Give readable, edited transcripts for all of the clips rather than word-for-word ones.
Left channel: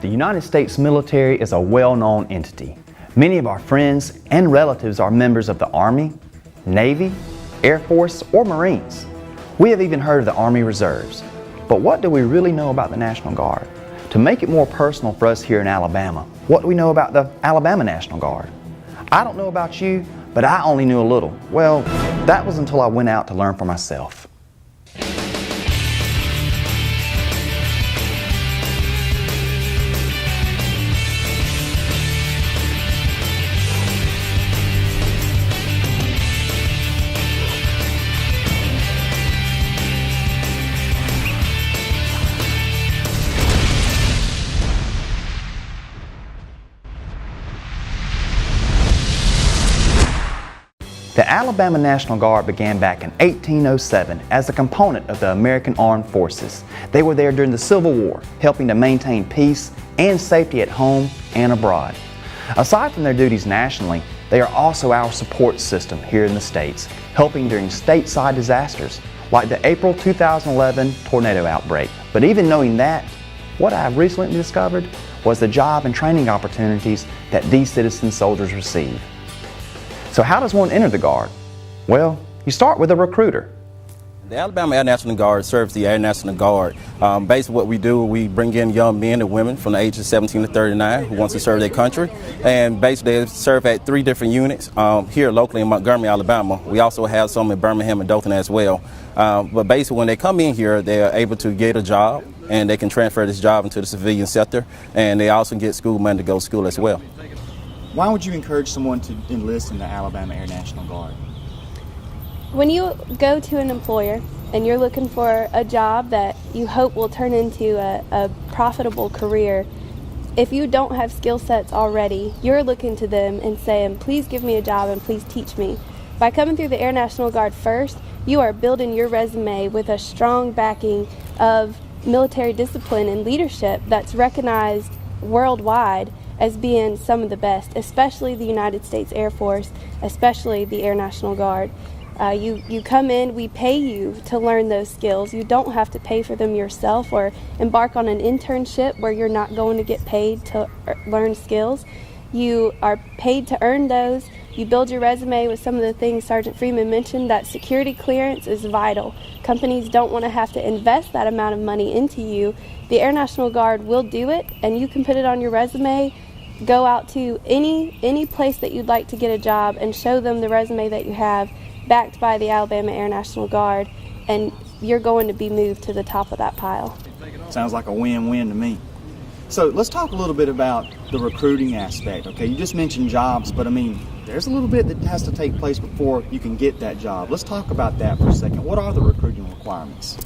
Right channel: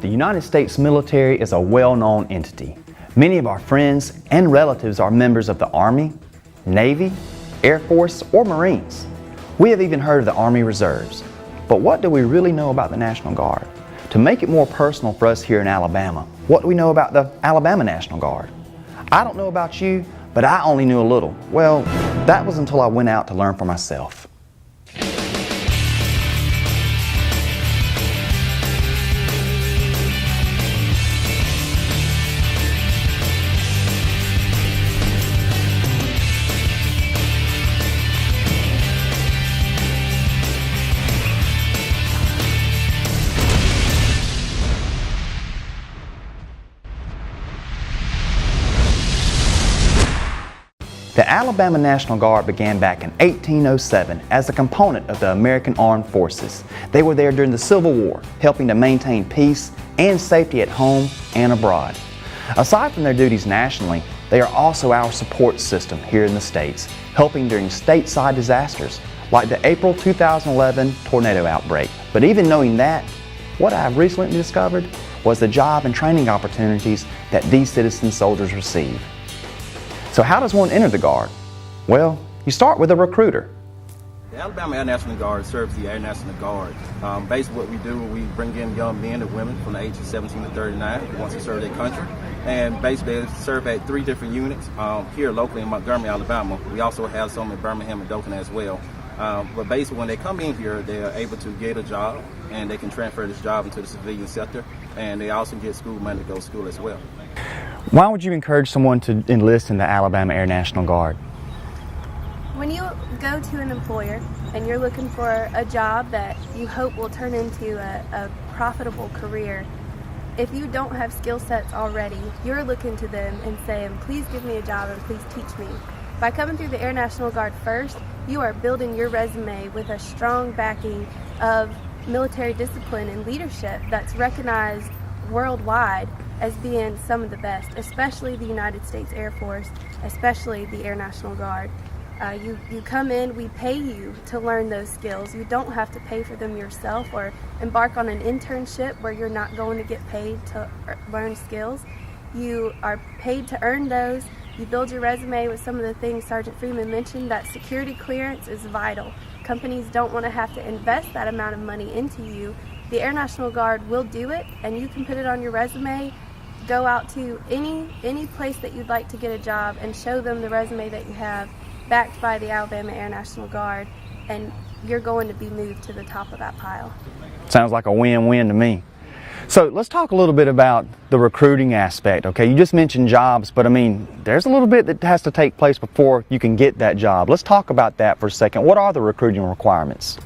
The United States military is a well-known entity. Many of our friends and relatives are members of the Army, Navy, Air Force, or Marines. We have even heard of the Army Reserves. But what do we really know about the National Guard? To make it more personal for us here in Alabama, what do we know about the Alabama National Guard? I don't know about you, but I only knew a little. Well, that was until I went out to learn for myself. The Alabama National Guard began back in 1807 as a component of the American Armed Forces. They were there during the Civil War, helping to maintain peace and safety at home and abroad. Aside from their duties nationally, they are also our support system here in the States, helping during stateside disasters like the April 2011 tornado outbreak. But even knowing that, what I have recently discovered was the job and training opportunities that these citizen soldiers receive. So how does one enter the Guard? Well, you start with a recruiter. The Alabama Air National Guard serves the Air National Guard. Basically what we do, we bring in young men and women from the ages of 17 to 39 who want to serve their country. And basically they serve at 3 different units here locally in Montgomery, Alabama. We also have some in Birmingham and Dothan as well. But basically when they come in here, they are able to get a job and they can transfer this job into the civilian sector. And they also get school money to go to school as well. Why would you encourage someone to enlist in the Alabama Air National Guard? When you go to an employer and you're looking for a job that you hope will turn into a profitable career, if you don't have skill sets already, you're looking to them and saying, please give me a job and please teach me. By coming through the Air National Guard first, you are building your resume with a strong backing of military discipline and leadership that's recognized worldwide as being some of the best, especially the United States Air Force, especially the Air National Guard. You come in, we pay you to learn those skills. You don't have to pay for them yourself or embark on an internship where you're not going to get paid to learn skills. You are paid to earn those. You build your resume with some of the things Sergeant Freeman mentioned, that security clearance is vital. Companies don't want to have to invest that amount of money into you. The Air National Guard will do it, and you can put it on your resume. Go out to any place that you'd like to get a job and show them the resume that you have backed by the Alabama Air National Guard, and you're going to be moved to the top of that pile. Sounds like a win-win to me. So let's talk a little bit about the recruiting aspect, okay? You just mentioned jobs, but I mean, there's a little bit that has to take place before you can get that job. Let's talk about that for a second. What are the recruiting requirements?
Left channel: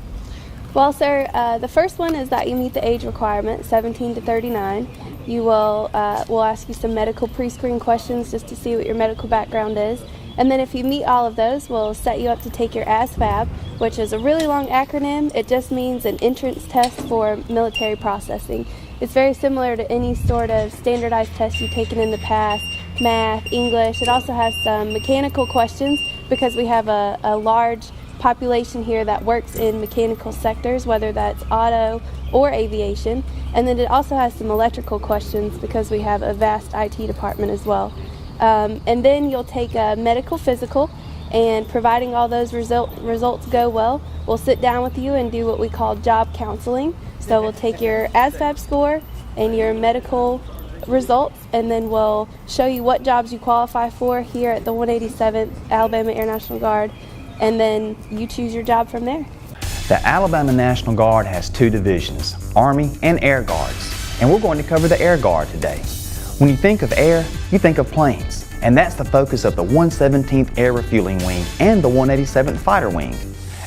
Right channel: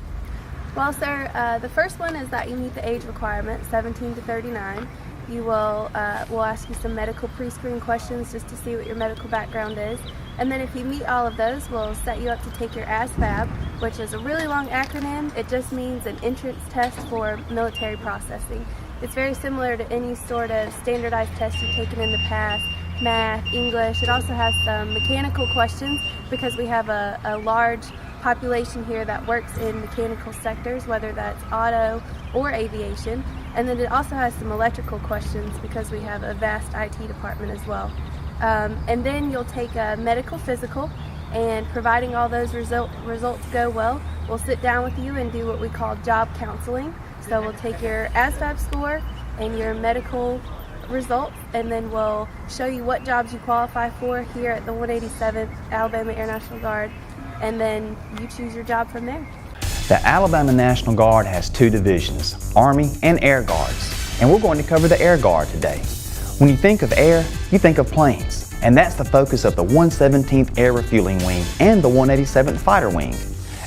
Well, sir, the first one is that you meet the age requirement, 17 to 39. You will we'll ask you some medical pre-screen questions just to see what your medical background is. And then if you meet all of those, we'll set you up to take your ASVAB, which is a really long acronym. It just means an entrance test for military processing. It's very similar to any sort of standardized test you've taken in the past, math, English. It also has some mechanical questions because we have a large population here that works in mechanical sectors, whether that's auto or aviation. And then it also has some electrical questions because we have a vast IT department as well. And then you'll take a medical physical, and providing all those results go well, we'll sit down with you and do what we call job counseling. So we'll take your ASVAB score and your medical results, and then we'll show you what jobs you qualify for here at the 187th Alabama Air National Guard, and then you choose your job from there. The Alabama National Guard has 2 divisions, Army and Air Guards, and we're going to cover the Air Guard today. When you think of air, you think of planes, and that's the focus of the 117th Air Refueling Wing and the 187th Fighter Wing.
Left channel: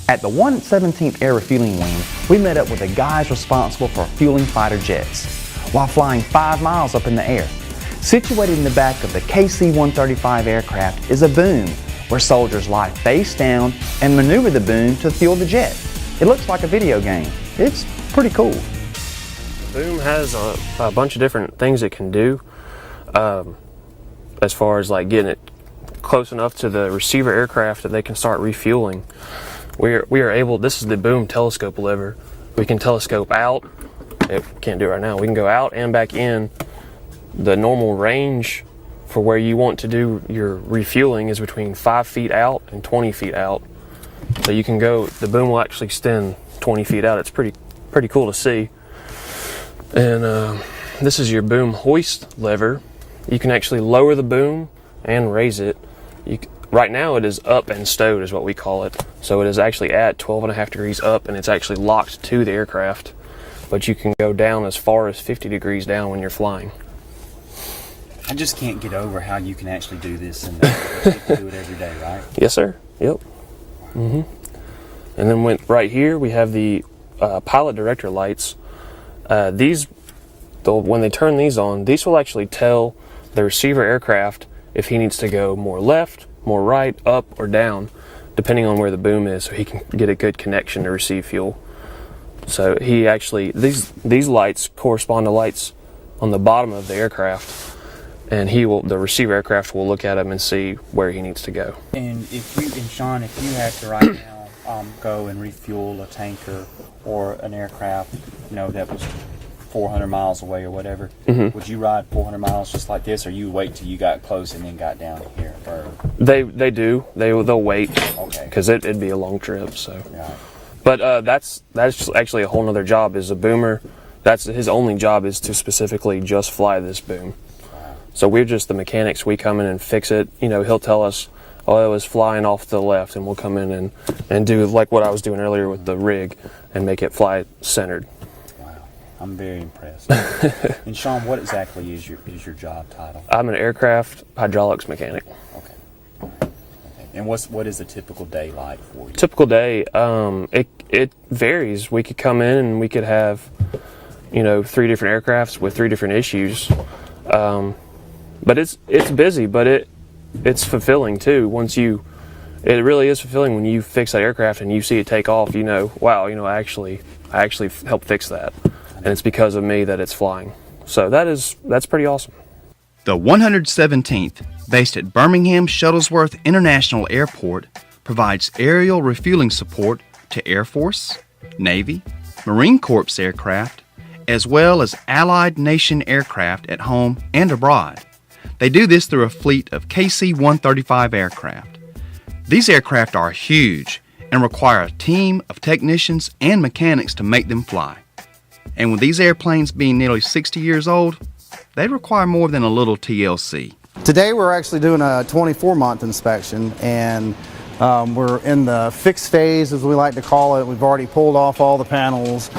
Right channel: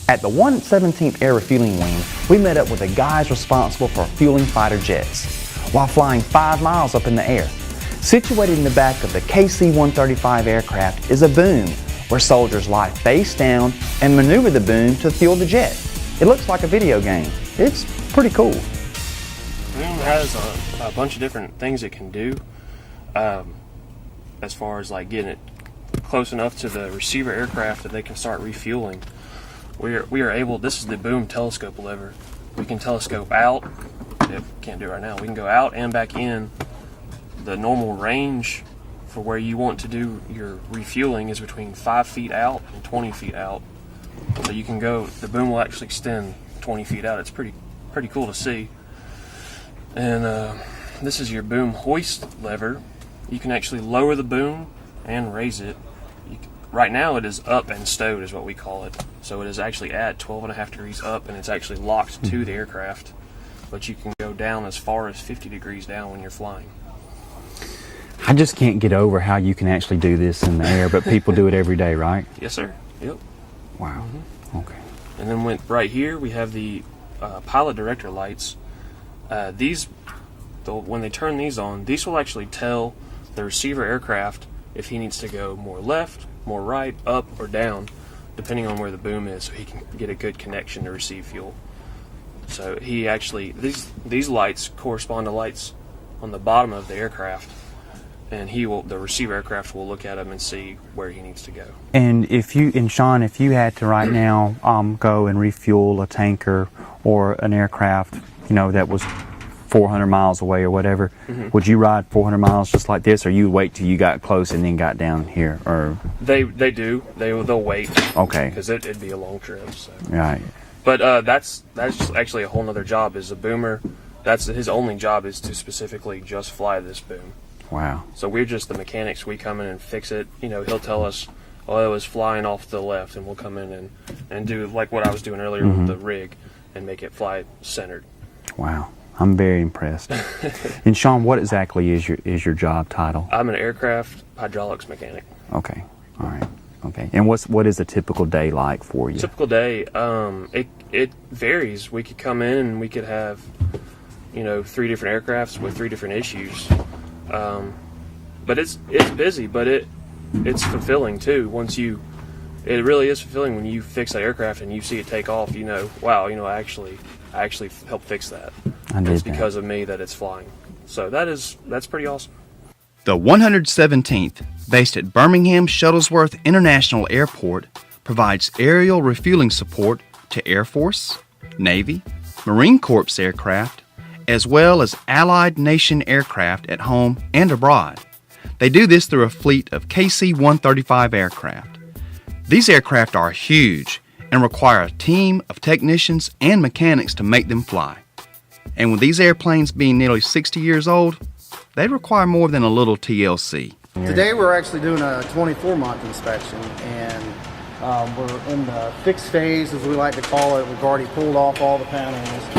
At the 117th Air Refueling Wing, we met up with the guys responsible for fueling fighter jets while flying 5 miles up in the air. Situated in the back of the KC-135 aircraft is a boom where soldiers lie face down and maneuver the boom to fuel the jet. It looks like a video game. It's pretty cool. Boom has a bunch of different things it can do as far as like getting it close enough to the receiver aircraft that they can start refueling. We are able, this is the boom telescope lever. We can telescope out can't do it right now. We can go out and back in. The normal range for where you want to do your refueling is between 5 feet out and 20 feet out. So you can go, the boom will actually extend 20 feet out. It's pretty cool to see. And this is your boom hoist lever. You can actually lower the boom and raise it. Right now it is up and stowed is what we call it. So it is actually at 12.5 degrees up, and it's actually locked to the aircraft. But you can go down as far as 50 degrees down when you're flying. I just can't get over how you can actually do this in the air, but people do it every day, right? Yes, sir. Yep. Wow. Mm-hmm. Okay. And then right here we have the pilot director lights. When they turn these on, these will actually tell the receiver aircraft if he needs to go more left, more right, up, or down, depending on where the boom is, so he can get a good connection to receive fuel. So he actually, these lights correspond to lights on the bottom of the aircraft, and the receiver aircraft will look at him and see where he needs to go. And Sean, if you had to right now go and refuel a tanker or an aircraft, that was 400 miles away or whatever, would you ride 400 miles just like this, or you wait till you got close and then got down here? Or They'll wait. Okay. Because it'd be a long trip. So. Right. But that's actually a whole nother job. Is a boomer. That's his only job, is to specifically just fly this boom. Wow. So we're just the mechanics. We come in and fix it. He'll tell us, oh, it was flying off to the left, and we'll come in and do like what I was doing earlier with the rig and make it fly centered. Wow. I'm very impressed. And Sean, what exactly is your job title? I'm an aircraft hydraulics mechanic. Okay. All right. Okay. And what is a typical day like for you? Typical day, it varies. We could come in and we could have, 3 different aircrafts with 3 different issues. But it's busy, but it's fulfilling too. It really is fulfilling when you fix that aircraft and you see it take off. Wow, I actually helped fix that, and it's because of me that it's flying. So that's pretty awesome. The 117th, based at Birmingham Shuttlesworth International Airport, provides aerial refueling support to Air Force, Navy, Marine Corps aircraft, as well as allied nation aircraft at home and abroad. They do this through a fleet of KC-135 aircraft. These aircraft are huge and require a team of technicians and mechanics to make them fly. And with these airplanes being nearly 60 years old, they require more than a little TLC. Today we're actually doing a 24-month inspection, and we're in the fixed phase, as we like to call it. We've already pulled off all the panels,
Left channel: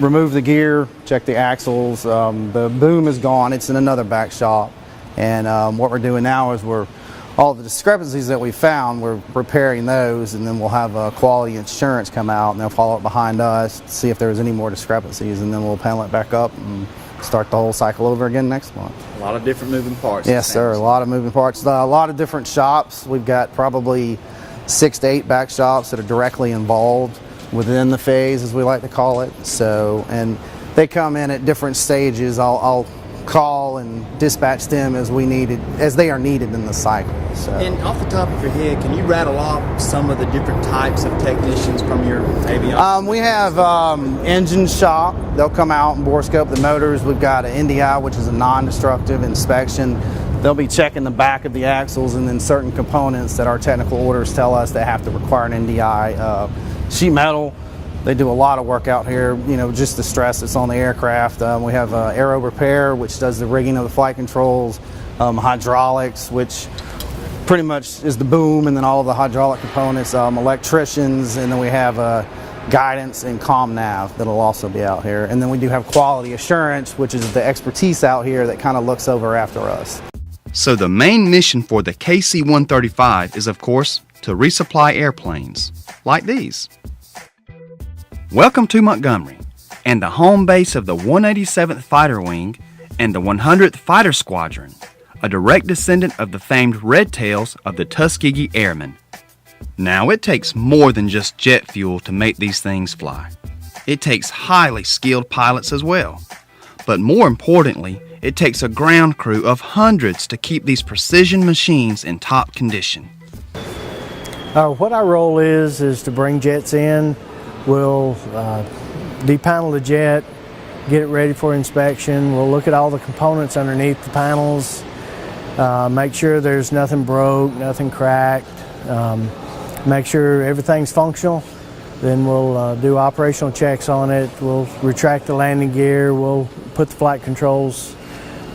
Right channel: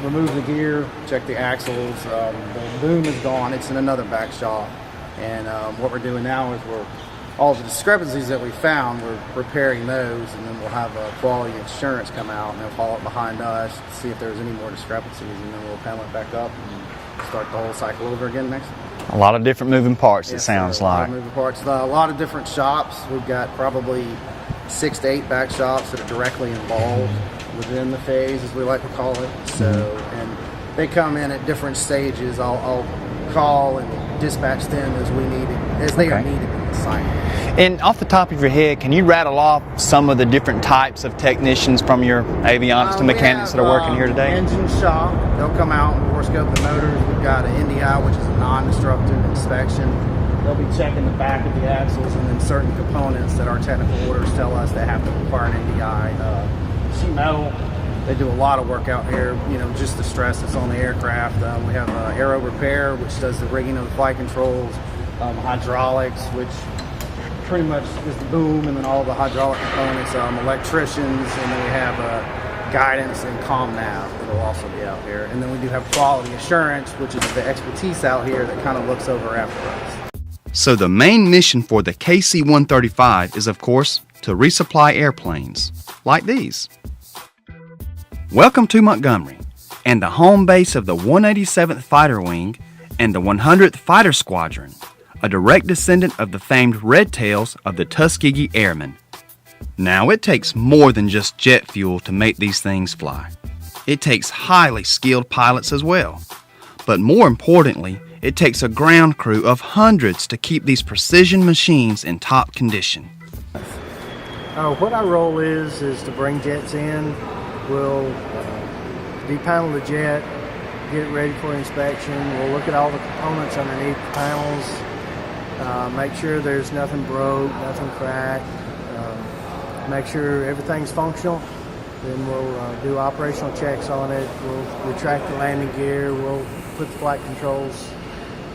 removed the gear, checked the axles. The boom is gone. It's in another back shop. And what we're doing now is all the discrepancies that we found, we're repairing those, and then we'll have quality insurance come out, and they'll follow up behind us to see if there's any more discrepancies, and then we'll panel it back up and start the whole cycle over again next month. A lot of different moving parts. Yes, sir. A lot of moving parts. A lot of different shops. We've got probably 6 to 8 back shops that are directly involved within the phase, as we like to call it. So, and they come in at different stages. I'll call and dispatch them as they are needed in the site. So. And off the top of your head, can you rattle off some of the different types of technicians from your avionics mechanics that are working here today? Engine shop. They'll come out and borescope the motors. We've got an NDI, which is a non-destructive inspection. They'll be checking the back of the axles and then certain components that our technical orders tell us they have to require an NDI. Sheet metal. They do a lot of work out here, just the stress that's on the aircraft. We have aero repair, which does the rigging of the flight controls, hydraulics, which pretty much is the boom and then all of the hydraulic components, electricians, and then we have guidance and comm nav that'll also be out here. And then we do have quality assurance, which is the expertise out here that kind of looks over after us. So the main mission for the KC-135 is, of course, to resupply airplanes like these. Welcome to Montgomery, and the home base of the 187th Fighter Wing and the 100th Fighter Squadron, a direct descendant of the famed Red Tails of the Tuskegee Airmen. Now, it takes more than just jet fuel to make these things fly. It takes highly skilled pilots as well. But more importantly, it takes a ground crew of hundreds to keep these precision machines in top condition. What our role is to bring jets in. We'll depanel the jet, get it ready for inspection. We'll look at all the components underneath the panels, make sure there's nothing broke, nothing cracked, make sure everything's functional. Then we'll do operational checks on it. We'll retract the landing gear. We'll put the flight controls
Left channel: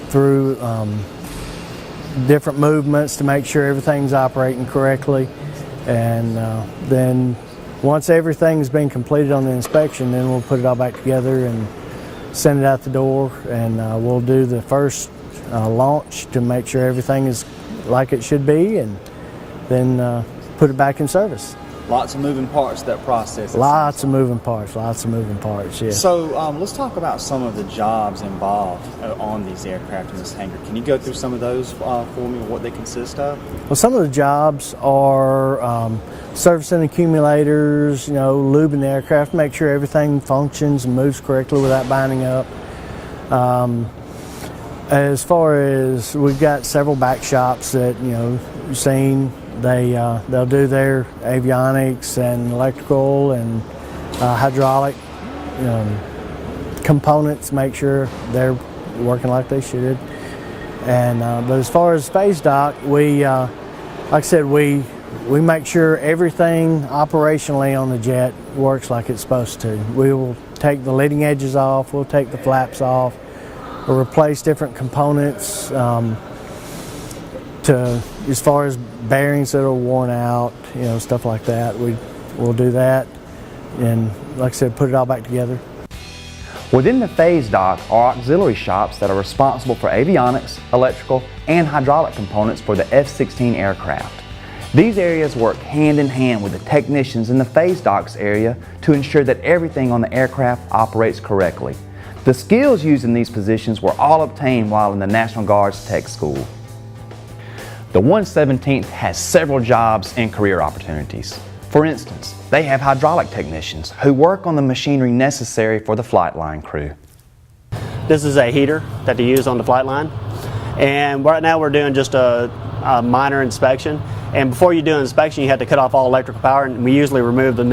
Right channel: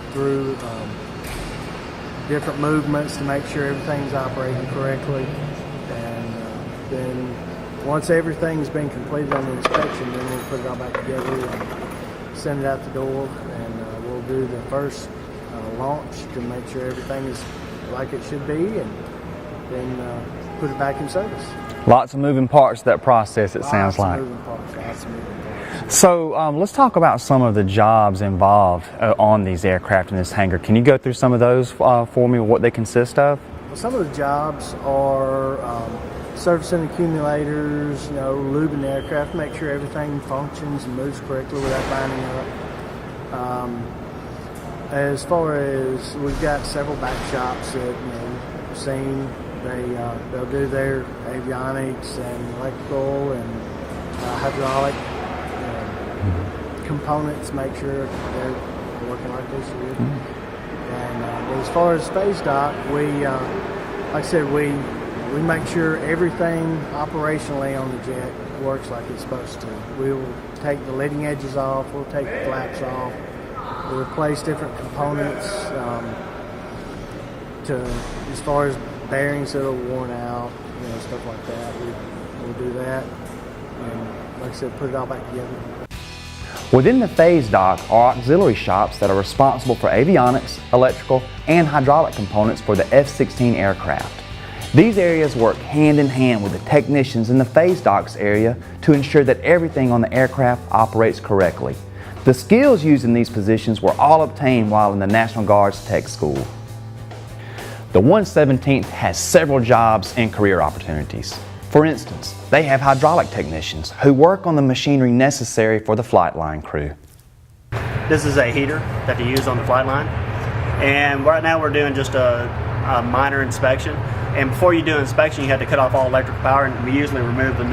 through different movements to make sure everything's operating correctly. And then once everything's been completed on the inspection, then we'll put it all back together and send it out the door. And we'll do the first launch to make sure everything is like it should be, and then put it back in service. Lots of moving parts to that process, it sounds like. Lots of moving parts, yeah. So let's talk about some of the jobs involved on these aircraft in this hangar. Can you go through some of those for me, what they consist of? Well, some of the jobs are servicing accumulators, lubing the aircraft, make sure everything functions and moves correctly without binding up. As far as, we've got several back shops that, you've seen. They'll do their avionics and electrical and hydraulic components, make sure they're working like they should. And but as far as space dock, we, like I said, we make sure everything operationally on the jet works like it's supposed to. We will take the leading edges off, we'll take the flaps off, we'll replace different components. As far as bearings that are worn out, stuff like that, we'll do that, and like I said, put it all back together. Within the phase dock are auxiliary shops that are responsible for avionics, electrical, and hydraulic components for the F-16 aircraft. These areas work hand in hand with the technicians in the phase docks area to ensure that everything on the aircraft operates correctly. The skills used in these positions were all obtained while in the National Guard's Tech School. The 117th has several jobs and career opportunities. For instance, they have hydraulic technicians who work on the machinery necessary for the flight line crew. This is a heater that they use on the flight line, and right now we're doing just a minor inspection. And before you do an inspection, you have to cut off all electric power, and we usually remove the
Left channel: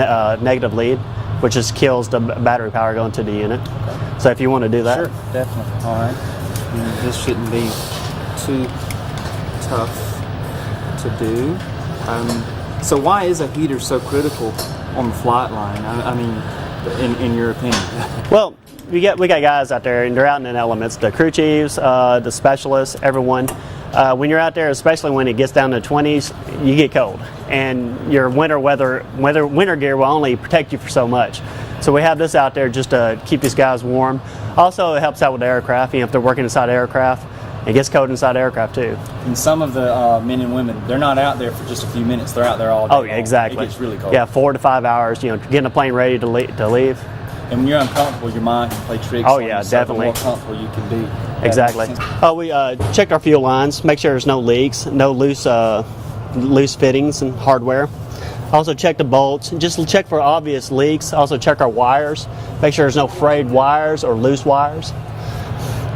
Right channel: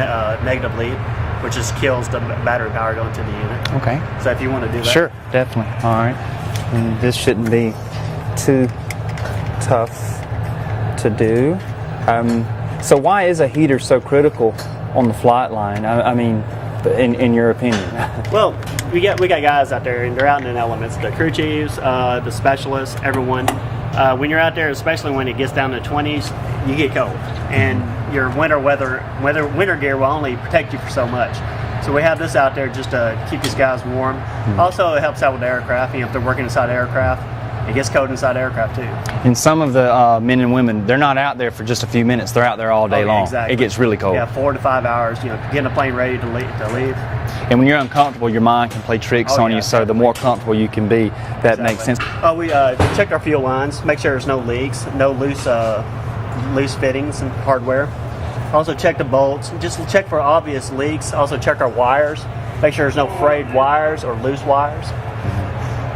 negative lead, which just kills the battery power going to the unit. Okay. So if you want to do that. Sure, definitely. All right. This shouldn't be too tough to do. So why is a heater so critical on the flight line? I mean, in your opinion? Well, we got guys out there, and they're out in the elements. The crew chiefs, the specialists, everyone. When you're out there, especially when it gets down to the 20s, you get cold, and your winter gear will only protect you for so much. So we have this out there just to keep these guys warm. Also, it helps out with the aircraft. If they're working inside the aircraft, it gets cold inside the aircraft too. And some of the men and women, they're not out there for just a few minutes. They're out there all day long. Exactly. It gets really cold. Yeah, 4 to 5 hours. Getting a plane ready to leave. And when you're uncomfortable, your mind can play tricks on you. So the more comfortable you can be, that makes sense. We checked our fuel lines, make sure there's no leaks, no loose fittings and hardware. Also check the bolts. Just check for obvious leaks. Also check our wires. Make sure there's no frayed wires or loose wires.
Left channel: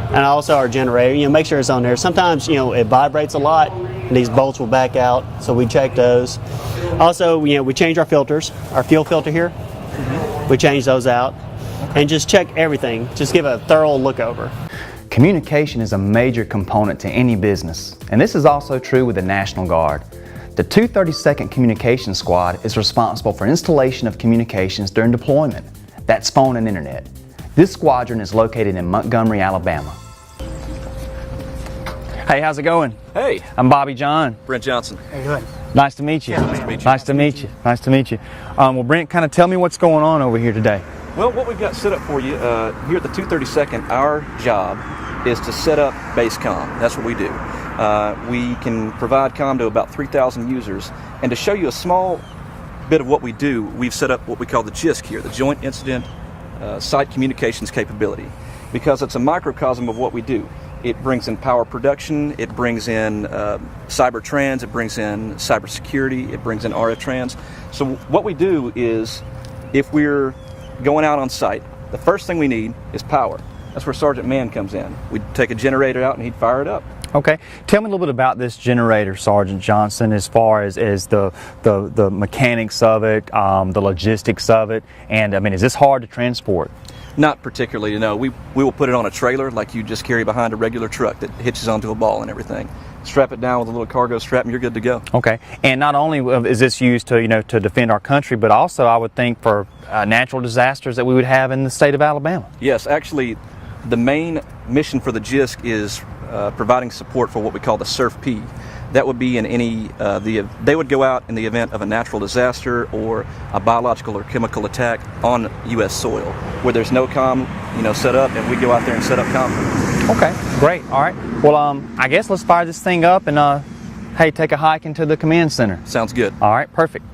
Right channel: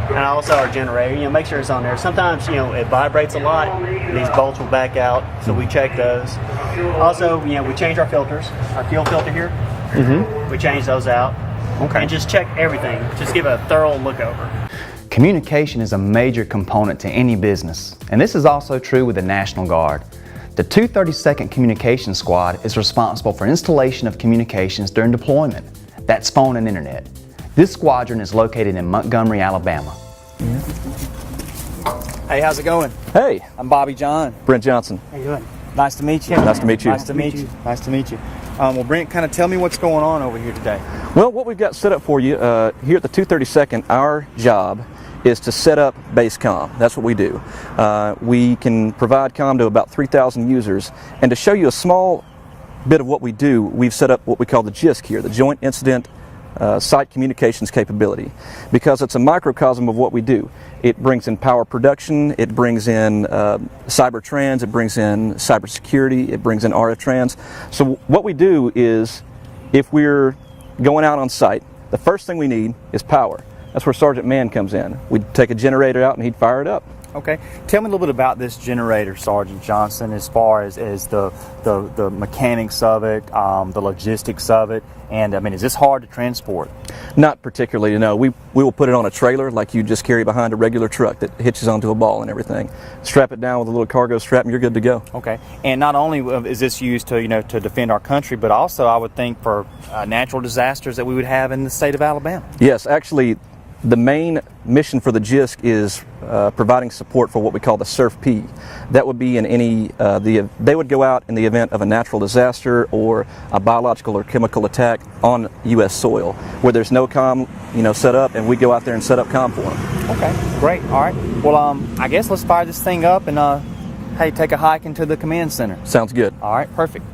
And also our generator, make sure it's on there. Sometimes, it vibrates a lot, and these bolts will back out, so we check those. Also, we change our filters, our fuel filter here. We change those out. Okay. And just check everything. Just give a thorough look over. Communication is a major component to any business, and this is also true with the National Guard. The 232nd Communications Squad is responsible for installation of communications during deployment. That's phone and internet. This squadron is located in Montgomery, Alabama. Hey, how's it going? Hey, I'm Bobby John. Brent Johnson. How you doing? Nice to meet you. Nice to meet you. Nice to meet you. Nice to meet you. Well, Brent, kind of tell me what's going on over here today. Well, what we've got set up for you here at the 232nd, our job is to set up base comm. That's what we do. We can provide comm to about 3,000 users. And to show you a small bit of what we do, we've set up what we call the JISC here, the Joint Incident Site Communications Capability, because it's a microcosm of what we do. It brings in power production, it brings in cyber trans, it brings in cybersecurity, it brings in RF trans. So what we do is, if we're going out on site, the first thing we need is power. That's where Sergeant Mann comes in. We'd take a generator out and he'd fire it up. Okay. Tell me a little bit about this generator, Sergeant Johnson, as far as the mechanics of it, the logistics of it, and I mean, is this hard to transport? Not particularly, no. We will put it on a trailer like you just carry behind a regular truck that hitches onto a ball and everything. Strap it down with a little cargo strap and you're good to go. Okay. And not only is this used to, to defend our country, but also I would think for natural disasters that we would have in the state of Alabama. Yes, actually, the main mission for the JISC is providing support for what we call the SURF-P. That would be in any, they would go out in the event of a natural disaster or a biological or chemical attack on U.S. soil where there's no comm, set up, and we go out there and set up comm for them. Okay, great. All right. Well, I guess let's fire this thing up and, hey, take a hike into the command center. Sounds good. All right, perfect.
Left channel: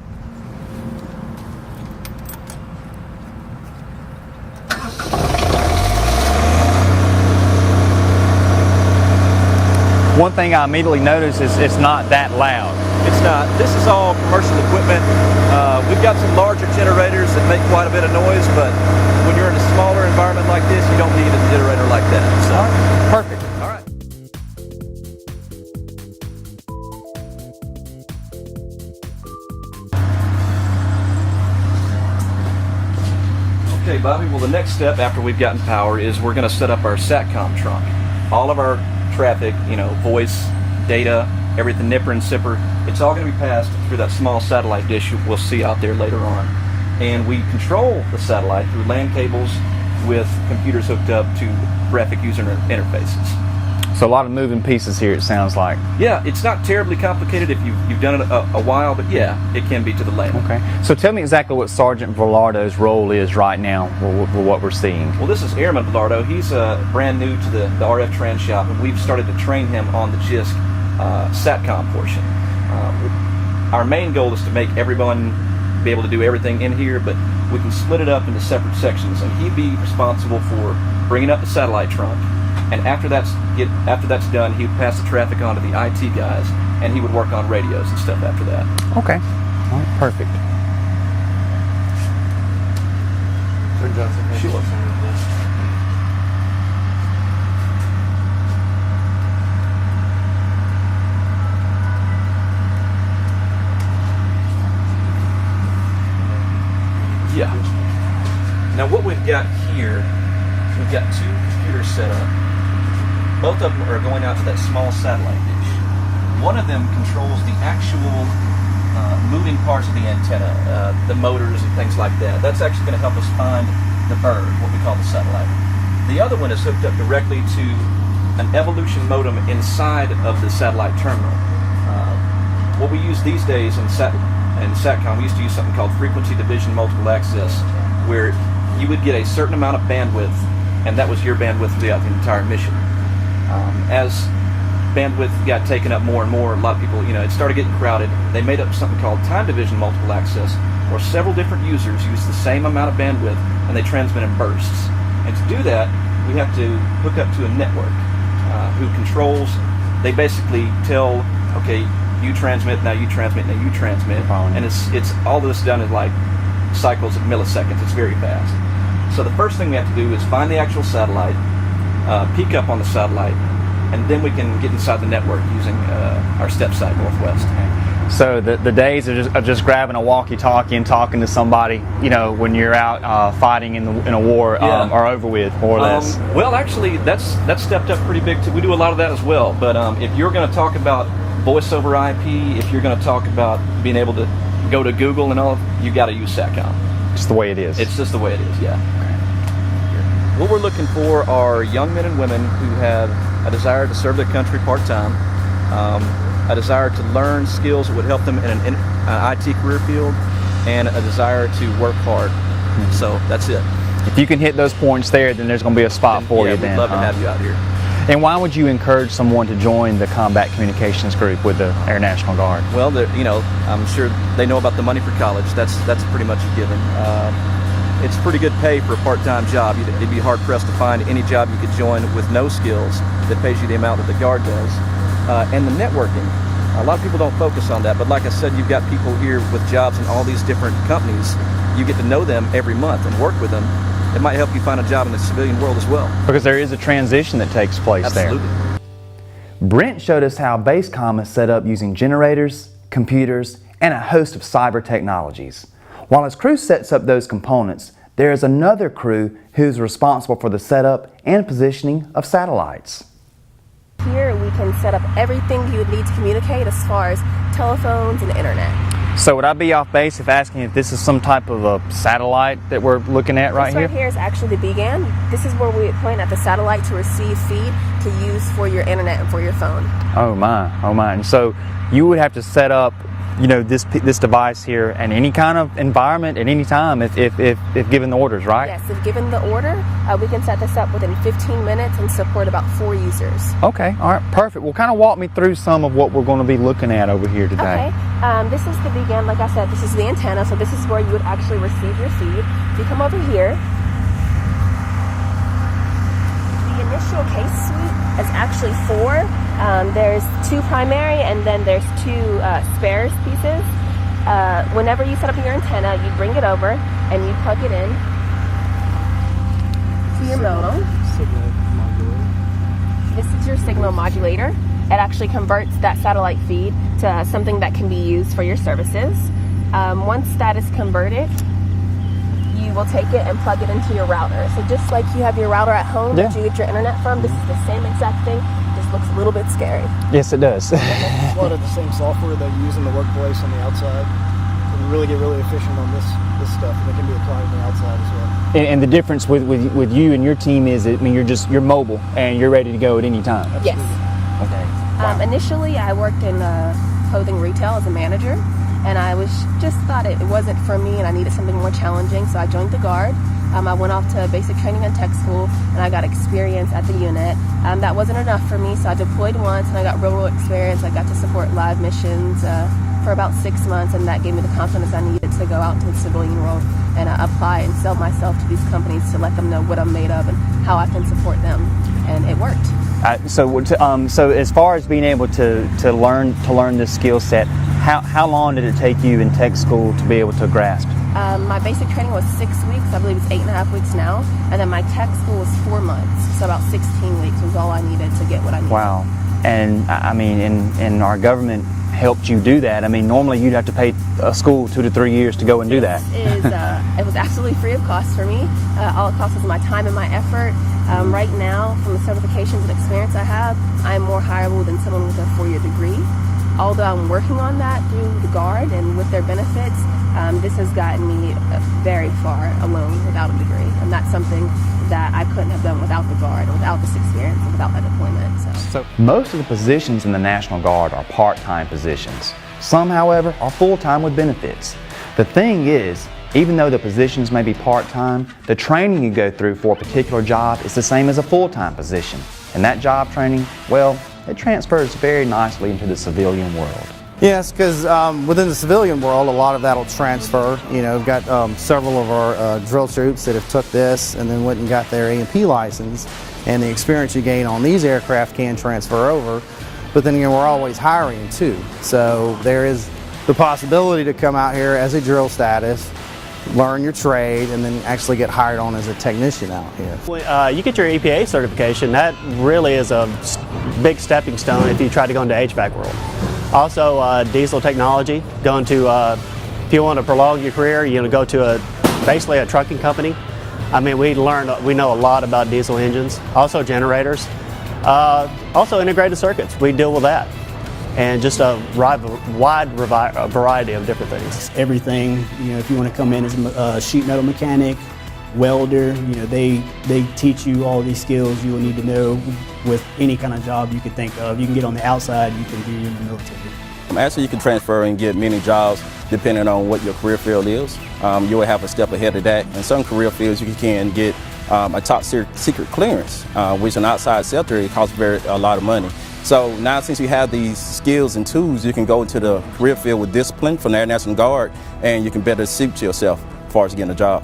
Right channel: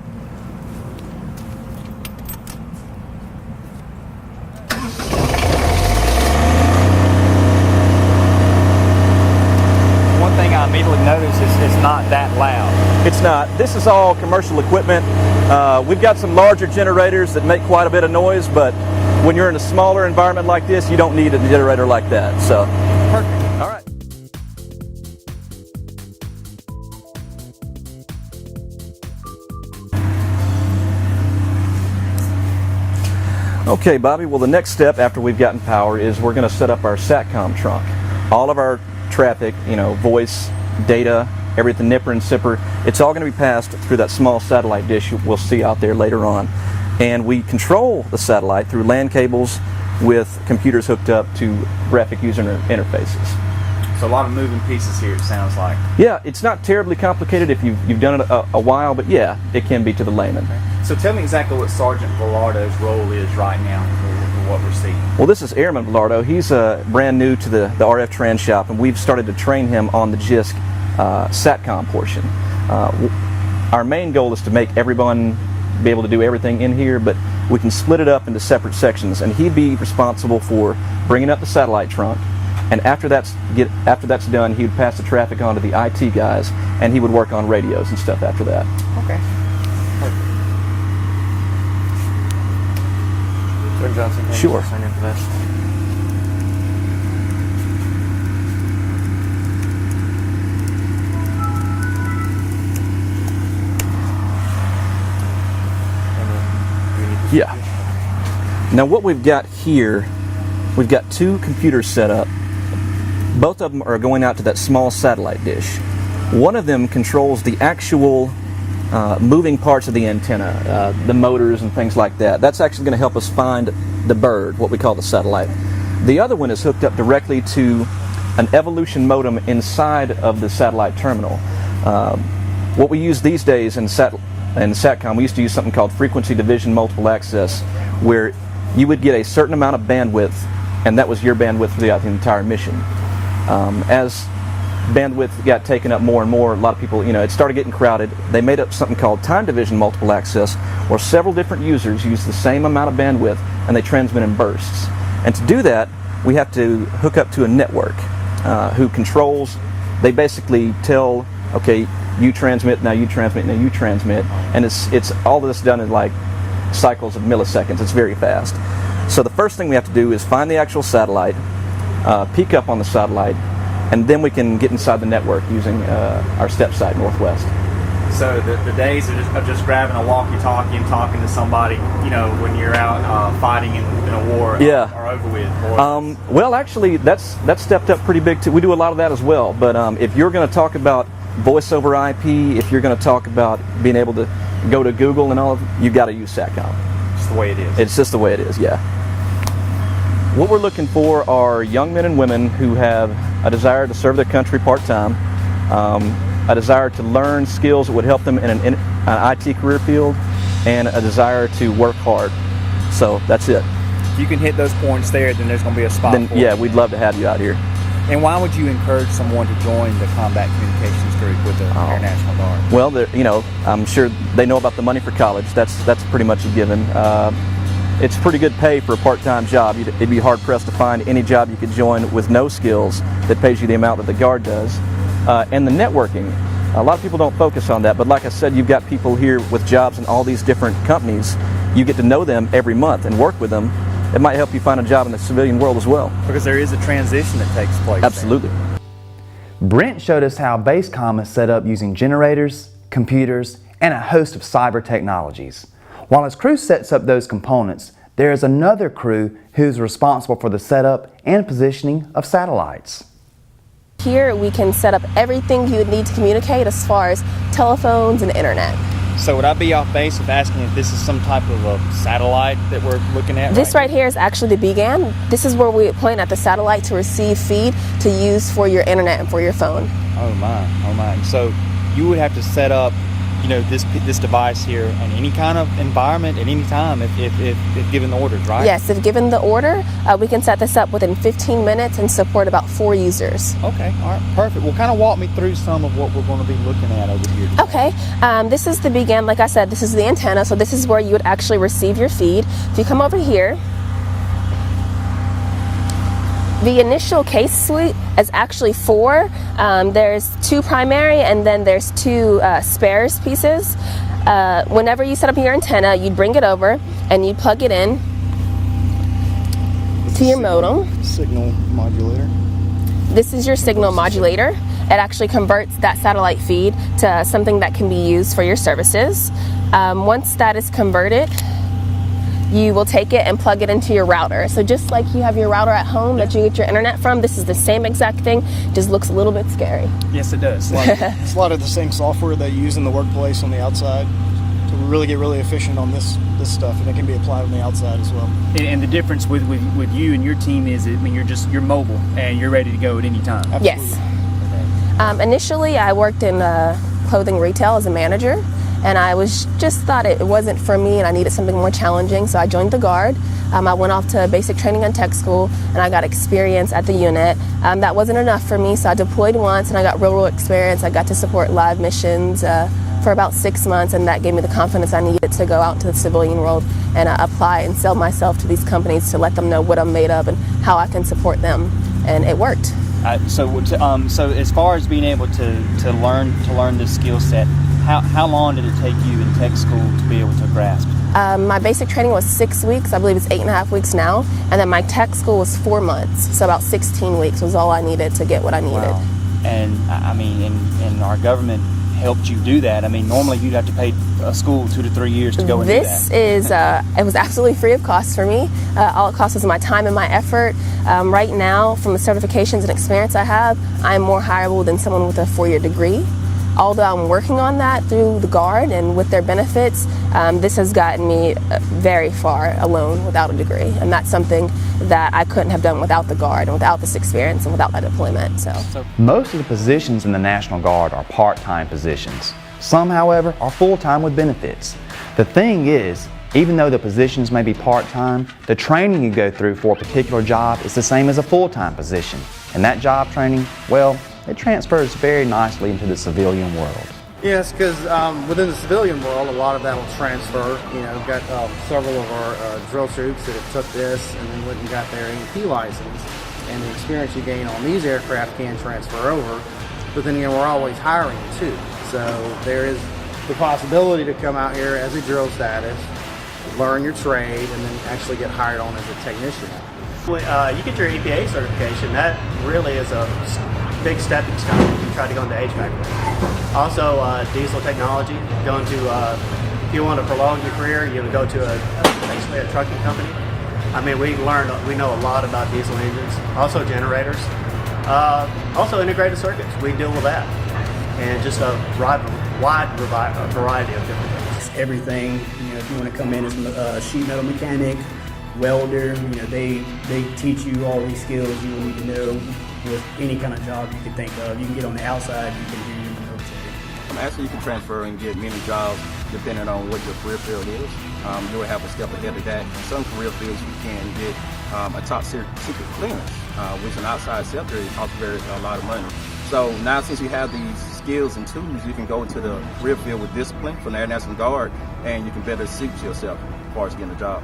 One thing I immediately noticed is it's not that loud. It's not. This is all commercial equipment. We've got some larger generators that make quite a bit of noise, but when you're in a smaller environment like this, you don't need a generator like that. So, perfect. All right. Okay, Bobby, well, the next step after we've gotten power is we're going to set up our SATCOM trunk. All of our traffic, voice, data, everything, nipper and sipper, it's all going to be passed through that small satellite dish we'll see out there later on. And we control the satellite through LAN cables with computers hooked up to graphic user interfaces. So a lot of moving pieces here, it sounds like. Yeah, it's not terribly complicated if you've done it a while, but yeah, it can be to the layman. Okay. So tell me exactly what Sergeant Velardo's role is right now for what we're seeing. Well, this is Airman Velardo. He's brand new to the RF trans shop, and we've started to train him on the JISC SATCOM portion. Our main goal is to make everyone be able to do everything in here, but we can split it up into separate sections, and he'd be responsible for bringing up the satellite trunk. And after that's done, he would pass the traffic on to the IT guys, and he would work on radios and stuff after that. Okay. All right, perfect. Sergeant Johnson, sure. Center for this. Yeah. Now what we've got here, we've got two computers set up. Both of them are going out to that small satellite dish. One of them controls the actual moving parts of the antenna, the motors and things like that. That's actually going to help us find the bird, what we call the satellite. The other one is hooked up directly to an evolution modem inside of the satellite terminal. What we use these days in SATCOM, we used to use something called frequency division multiple access, where you would get a certain amount of bandwidth, and that was your bandwidth throughout the entire mission. As bandwidth got taken up more and more, a lot of people, it started getting crowded. They made up something called time division multiple access, where several different users use the same amount of bandwidth and they transmit in bursts. And to do that, we have to hook up to a network who controls. They basically tell, okay, you transmit, now you transmit, now you transmit, and it's all of this done in like cycles of milliseconds. It's very fast. So the first thing we have to do is find the actual satellite, peek up on the satellite, and then we can get inside the network using our step side northwest. So the days of just grabbing a walkie-talkie and talking to somebody, when you're out fighting in a war, are over with, more or less. Well, actually, that's stepped up pretty big too. We do a lot of that as well. But if you're going to talk about voice over IP, if you're going to talk about being able to go to Google and all, you got to use SATCOM. Just the way it is. It's just the way it is, yeah. What we're looking for are young men and women who have a desire to serve their country part-time, a desire to learn skills that would help them in an IT career field, and a desire to work hard. So that's it. If you can hit those points there, then there's going to be a spot for you. Yeah, we'd love to have you out here. And why would you encourage someone to join the Combat Communications Group with the Air National Guard? Well, I'm sure they know about the money for college. That's pretty much a given. It's pretty good pay for a part-time job. It'd be hard-pressed to find any job you could join with no skills that pays you the amount that the Guard does. And the networking. A lot of people don't focus on that, but like I said, you've got people here with jobs in all these different companies. You get to know them every month and work with them. It might help you find a job in the civilian world as well. Because there is a transition that takes place Absolutely. there. Brent showed us how BaseComm is set up using generators, computers, and a host of cyber technologies. While his crew sets up those components, there is another crew who's responsible for the setup and positioning of satellites. Here we can set up everything you would need to communicate as far as telephones and internet. So would I be off base if asking if this is some type of a satellite that we're looking at This right here is actually the BGAN. This is where we point at the satellite to receive feed to use for your internet and for your phone. Oh my, oh my. And so you would have to set up, you know, this device here in any kind of environment at any time if given the orders, right? Yes, if given the order, we can set this up within 15 minutes and support about 4 users. Okay, all right, perfect. Well, kind of walk me through some of what we're going to be looking at over here today. Okay, this is the BGAN. Like I said, this is the antenna, so this is where you would actually receive your feed. If you come over here, the initial case suite is actually 4. There's 2 primary and then there's 2 spares pieces. Whenever you set up your antenna, you bring it over and you plug it in to your modem. Signal modulator. This is your signal modulator. It actually converts that satellite feed to something that can be used for your services. Once that is converted, you will take it and plug it into your router. So just like you have your router at home that you get your internet from, this is the same exact thing, just looks a little bit scary. Yes, it does. It's a lot of the same software that you use in the workplace on the outside. So we really get really efficient on this stuff, and it can be applied on the outside as well. And the difference with you and your team is, I mean, you're mobile and you're ready to go at any time. Yes. Okay. Initially, I worked in clothing retail as a manager. And I thought it wasn't for me and I needed something more challenging, so I joined the Guard. I went off to basic training and tech school and I got experience at the unit. That wasn't enough for me, so I deployed once and I got real experience. I got to support live missions for about 6 months, and that gave me the confidence I needed to go out into the civilian world and apply and sell myself to these companies to let them know what I'm made of and how I can support them, and it worked. So as far as being able to learn this skill set, how long did it take you in tech school to be able to grasp? My basic training was 6 weeks. I believe it's 8.5 weeks now. And then my tech school was 4 months. So about 16 weeks was all I needed to get what I needed. Wow. And I mean, and our government helped you do that. I mean, normally you'd have to pay a school 2 to 3 years to go and do that. This is, it was absolutely free of cost for me. All it cost was my time and my effort. Right now, from the certifications and experience I have, I'm more hireable than someone with a 4-year degree. Although I'm working on that through the Guard and with their benefits, this has gotten me very far alone without a degree. And that's something that I couldn't have done without the Guard and without this experience and without that deployment. So most of the positions in the National Guard are part-time positions. Some, however, are full-time with benefits. The thing is, even though the positions may be part-time, the training you go through for a particular job is the same as a full-time position. And that job training, well, it transfers very nicely into the civilian world. Yes, because within the civilian world, a lot of that will transfer. You know, we've got several of our drill troops that have took this and then went and got their A&P license, and the experience you gain on these aircraft can transfer over. But then again, we're always hiring too. So there is the possibility to come out here as a drill status, learn your trade, and then actually get hired on as a technician out here. You get your EPA certification. That really is a big stepping stone if you try to go into HVAC world. Also, diesel technology. Going to, if you want to prolong your career, you go to basically a trucking company. I mean, we know a lot about diesel engines. Also generators. Also integrated circuits. We deal with that. And just a wide variety of different things. Everything, if you want to come in as a sheet metal mechanic, welder, they teach you all these skills you will need to know with any kind of job you can think of. You can get on the outside, you can be in the military. Actually, you can transfer and get many jobs depending on what your career field is. You will have a step ahead of that. In some career fields, you can get a top secret clearance, which in outside sector, it costs a lot of money. So now since you have these skills and tools, you can go into the career field with discipline from the Air National Guard, and you can better suit yourself as far as getting a job.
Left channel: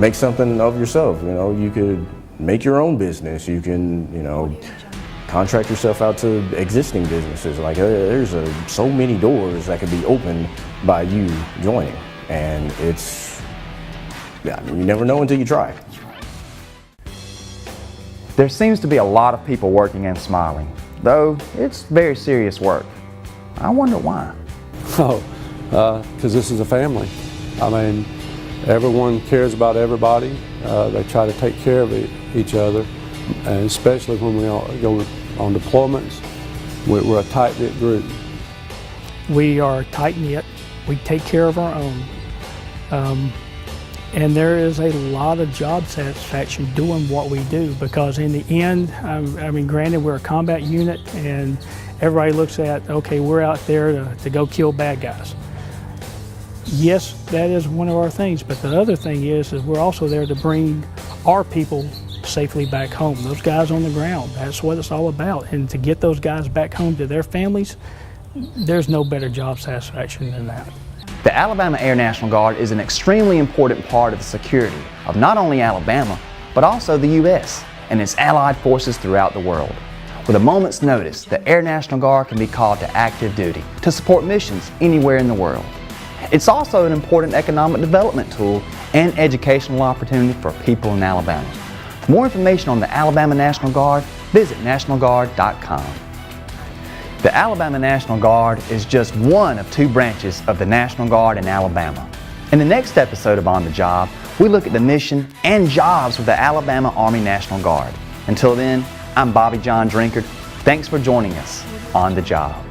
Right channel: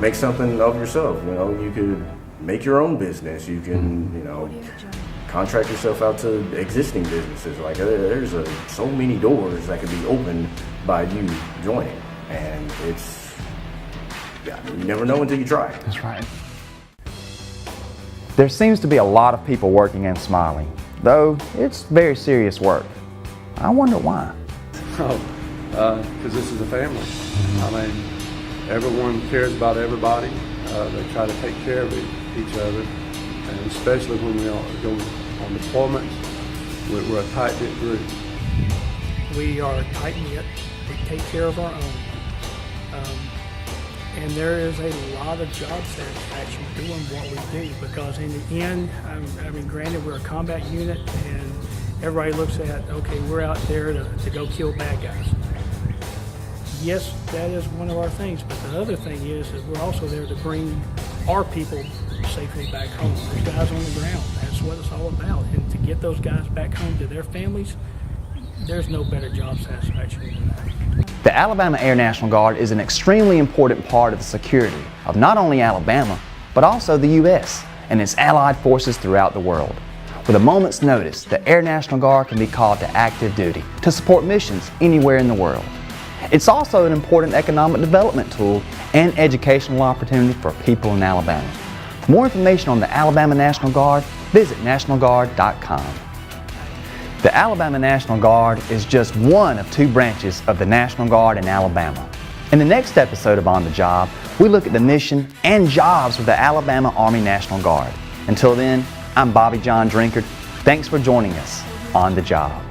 Make something of yourself, you could make your own business. You can, contract yourself out to existing businesses. Like there's so many doors that can be opened by you joining, and you never know until you try. That's right. There seems to be a lot of people working and smiling. though it's very serious work. I wonder why. Because this is a family. I mean, everyone cares about everybody. They try to take care of each other, and especially when we all go on deployments, we're a tight-knit group. We are tight-knit. We take care of our own. And there is a lot of job satisfaction doing what we do, because in the end, I mean, granted, we're a combat unit, and everybody looks at, okay, we're out there to go kill bad guys. Yes, that is one of our things, but the other thing is we're also there to bring our people safely back home. Those guys on the ground, that's what it's all about. And to get those guys back home to their families, there's no better job satisfaction than that. The Alabama Air National Guard is an extremely important part of the security of not only Alabama, but also the U.S. and its allied forces throughout the world. With a moment's notice, the Air National Guard can be called to active duty to support missions anywhere in the world. It's also an important economic development tool and educational opportunity for people in Alabama. For more information on the Alabama National Guard, visit nationalguard.com. The Alabama National Guard is just one of 2 branches of the National Guard in Alabama. In the next episode of On the Job, we look at the mission and jobs of the Alabama Army National Guard. Until then, I'm Bobby John Drinkard. Thanks for joining us on the job.